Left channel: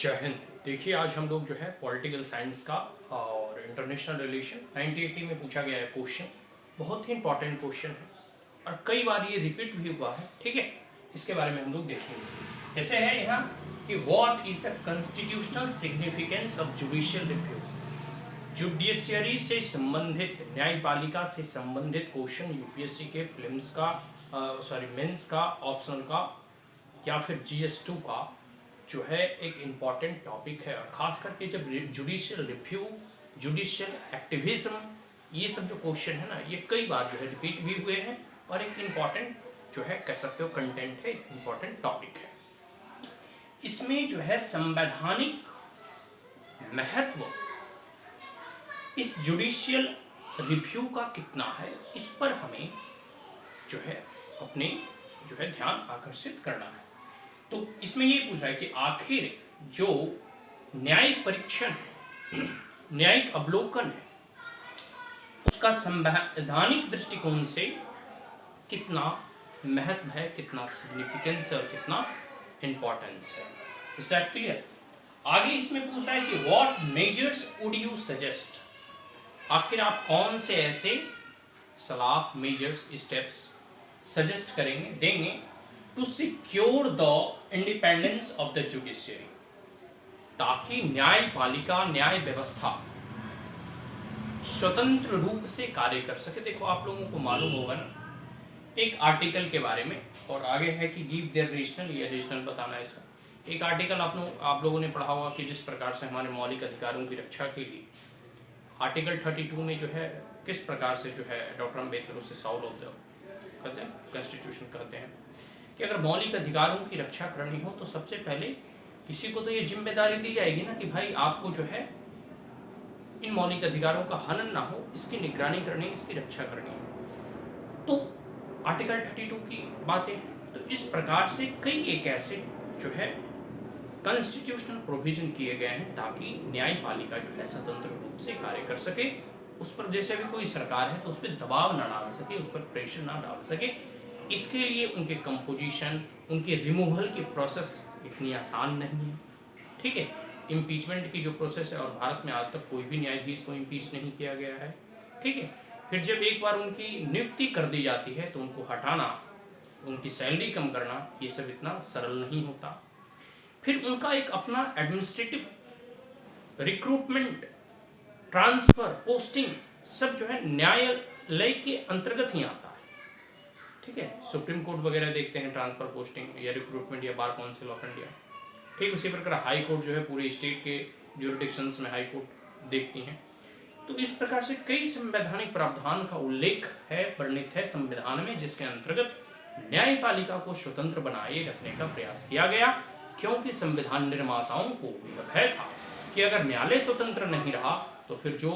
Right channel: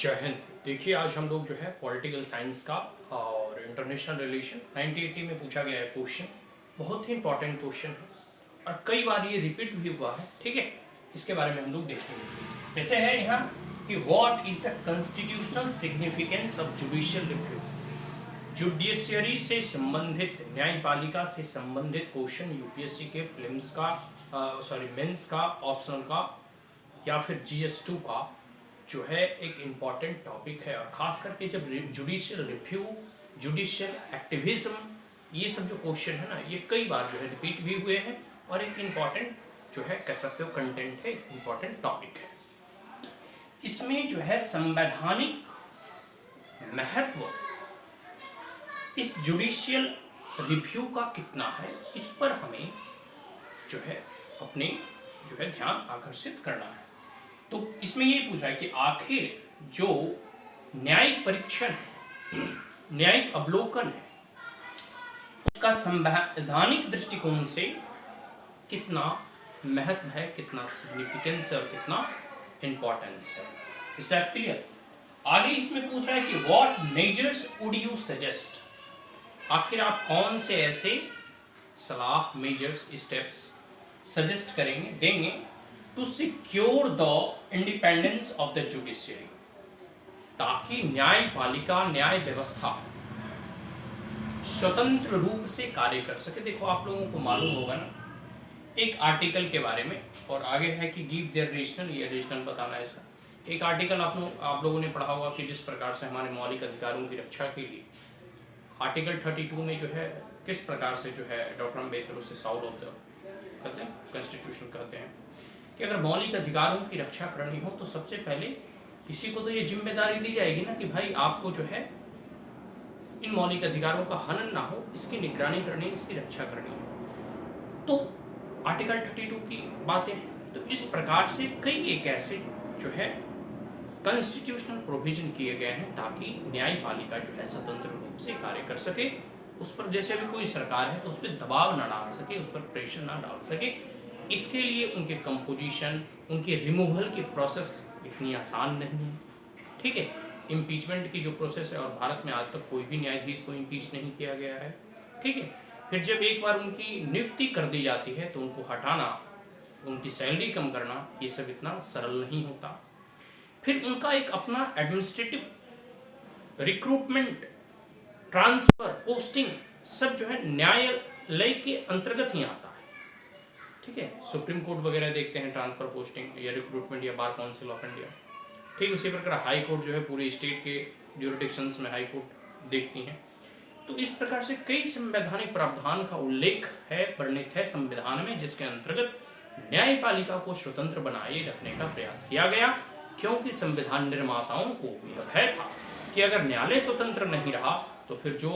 जय हिंद। देखिए, आज हम लोग जो है पॉलिटिकल साइंस का और इंटरनेशनल रिलेशन 1980 में पूछा गया है क्वेश्चन। बहुत ही इंपॉर्टेंट क्वेश्चन है और कई बार ये रिपीट भी हुआ है। ठीक है, इसके बारे में हम लोग देखेंगे। जैसे है यहाँ कि what is the constitutional significance of judicial review. Judiciary से संबंधित, न्यायपालिका से संबंधित क्वेश्चन यूपीएससी के प्रीलिम्स का, मेंस का, ऑप्शनल का या फिर जीएस2 का जो है एक इम्पॉर्टेंट टॉपिक है। और खास करके जब जुडिशियल रिव्यू, जुडिशियल एक्टिविज्म, ये सब जो क्वेश्चन है ना, ये कई बार जो है रिपीट भी हुए हैं और एक इम्पॉर्टेंट जो है कह सकते हो कंटेंट है, इम्पॉर्टेंट टॉपिक है। इसमें जो है संवैधानिक महत्व इस जुडिशियल रिव्यू का कितना है, इस पर हमें जो है अपने जो है ध्यान आकर्षित करना है। तो इसमें ये पूछा है कि आखिर जो न्यायिक परीक्षण है, न्यायिक अवलोकन है, उसका संवैधानिक दृष्टिकोण से कितना महत्व है, कितना सिग्निफिकेंस है और कितना इंपॉर्टेंस है। इस टाइप क्लियर। आगे इसमें पूछा है कि what measures would you suggest. आखिर आप कौन से ऐसे सलाह, मेजर्स, स्टेप्स सजेस्ट करेंगे, देंगे to secure the independence of the judiciary, ताकि न्यायपालिका, न्याय व्यवस्था स्वतंत्र रूप से कार्य कर सके। देखो, आप लोगों को मालूम होगा ना एक आर्टिकल के बारे में, और आगे है कि गिव देयर रीजनल, ये रीजनल बताना है इसका। एक आर्टिकल आप लोगों ने पढ़ा होगा कि जिस प्रकार से हमारे मौलिक अधिकारों की रक्षा के लिए आर्टिकल 32 में जो है किस प्रकार से जो है डॉक्टर अम्बेडकर उसे सॉल्व करते हैं, कॉन्स्टिट्यूशन कहते हैं कि अगर मौलिक अधिकारों की रक्षा करनी हो तो सबसे पहले किसी को तो ये जिम्मेदारी दी जाएगी ना कि भाई आपको जो है इन मौलिक अधिकारों का हनन ना हो, इसकी निगरानी करनी, इसकी रक्षा करनी है। तो आर्टिकल 32 की बातें हैं। तो इस प्रकार से कई एक ऐसे जो है कॉन्स्टिट्यूशनल प्रोविजन किए गए हैं ताकि न्यायपालिका जो है स्वतंत्र रूप से कार्य कर सके। उस पर जैसे भी कोई सरकार है तो उस पर दबाव ना डाल सके, उस पर प्रेशर ना डाल सके। इसके लिए उनके कंपोजिशन, उनके रिमूवल की प्रोसेस इतनी आसान नहीं है। ठीक है, इम्पीचमेंट की जो प्रोसेस है, और भारत में आज तक कोई भी न्यायाधीश को इम्पीच नहीं किया गया है। ठीक है, फिर जब एक बार उनकी नियुक्ति कर दी जाती है तो उनको हटाना, उनकी सैलरी कम करना, ये सब इतना सरल नहीं होता। फिर उनका एक अपना एडमिनिस्ट्रेटिव रिक्रूटमेंट, ट्रांसफर, पोस्टिंग सब जो है न्यायालय के अंतर्गत ही आता है। ठीक है, सुप्रीम कोर्ट वगैरह देखते हैं ट्रांसफर, पोस्टिंग या रिक्रूटमेंट या बार काउंसिल ऑफ इंडिया। ठीक उसी प्रकार हाई कोर्ट जो है पूरे स्टेट के ज्यूरिडिक्शंस में हाई कोर्ट देखती हैं। तो इस प्रकार से कई संवैधानिक प्रावधान का उल्लेख है, वर्णित है संविधान में, जिसके अंतर्गत न्यायपालिका को स्वतंत्र बनाए रखने का प्रयास किया गया। क्योंकि संविधान निर्माताओं को यह भय था कि अगर न्यायालय स्वतंत्र नहीं रहा तो फिर जो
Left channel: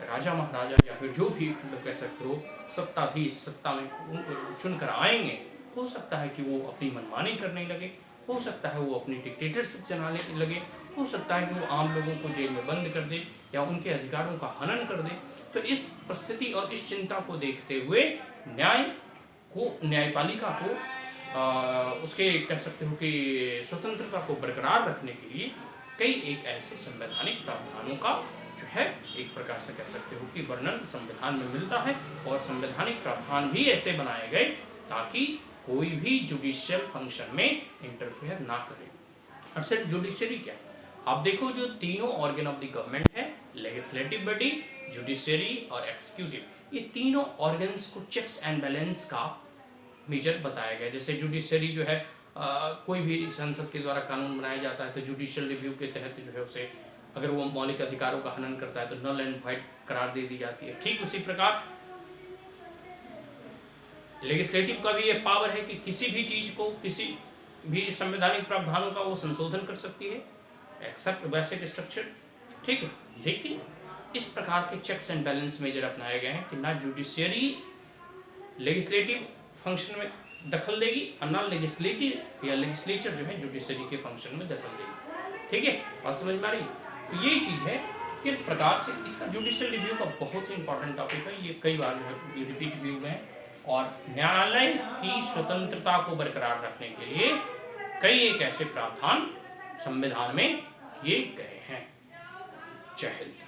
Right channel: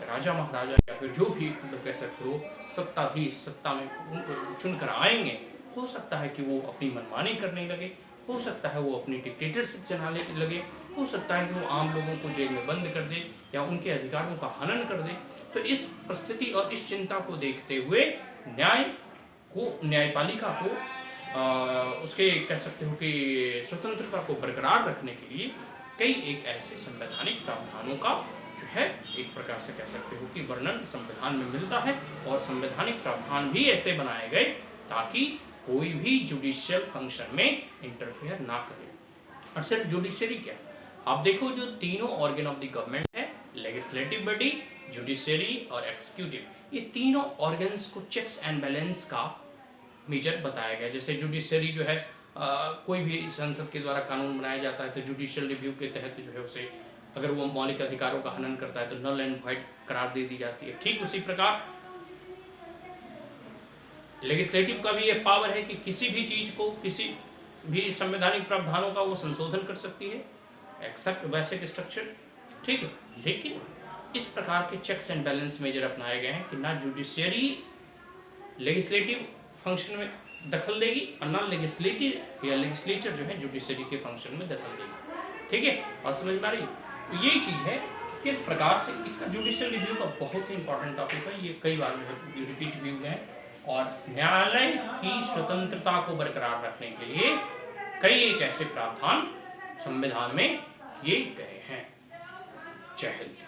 राजा महाराजा या फिर जो भी मतलब कह सकते हो सत्ताधीश सत्ता में चुनकर आएंगे, हो सकता है कि वो अपनी मनमानी करने लगे, हो सकता है वो अपनी डिक्टेटरशिप चलाने लगे, हो सकता है कि वो आम लोगों को जेल में बंद कर दे या उनके अधिकारों का हनन कर दे। तो इस परिस्थिति और इस चिंता को देखते हुए न्यायपालिका को उसके कह सकते हो कि स्वतंत्रता को बरकरार रखने के लिए कई एक ऐसे संवैधानिक प्रावधानों का जो है एक प्रकार से कह सकते हो कि वर्णन संविधान में मिलता है। और संवैधानिक प्रावधान भी ऐसे बनाए गए ताकि कोई भी जुडिशियल फंक्शन में इंटरफेयर ना करे। और सिर्फ जुडिशरी क्या, आप देखो जो तीनों ऑर्गन ऑफ द गवर्नमेंट है, लेजिस्लेटिव बॉडी, जुडिशरी और एक्सिक्यूटिव, ये तीनों ऑर्गन्स को चेक्स एंड बैलेंस का मेजर बताया गया। जैसे जुडिशरी जो है कोई भी संसद के द्वारा कानून बनाया जाता है तो जुडिशियल रिव्यू के तहत जो है उसे अगर वो मौलिक अधिकारों का हनन करता है तो नल एंड वाइड करार दे दी जाती है। ठीक उसी प्रकार लेजिस्लेटिव का भी ये पावर है कि किसी भी चीज को, किसी भी संवैधानिक प्रावधानों का वो संशोधन कर सकती है, एक्सेप्ट बेसिक स्ट्रक्चर। ठीक है, लेकिन इस प्रकार के चेक्स एंड बैलेंस मेजर अपनाए गए हैं कि ना जुडिशियरी लेजिस्लेटिव फंक्शन में दखल देगी और ना लेजिस्लेटिव या लेजिस्लेचर जो है जुडिशरी के फंक्शन में दखल देगी। ठीक है, और समझ में आ रही। तो यही चीज है किस प्रकार से इसका जुडिशियल रिव्यू का बहुत ही इंपॉर्टेंट टॉपिक है। ये कई बार रिपीट भी हुए हैं और न्यायालय की स्वतंत्रता को बरकरार रखने के लिए कई एक ऐसे प्रावधान संविधान में ये गए हैं। जय हिंद।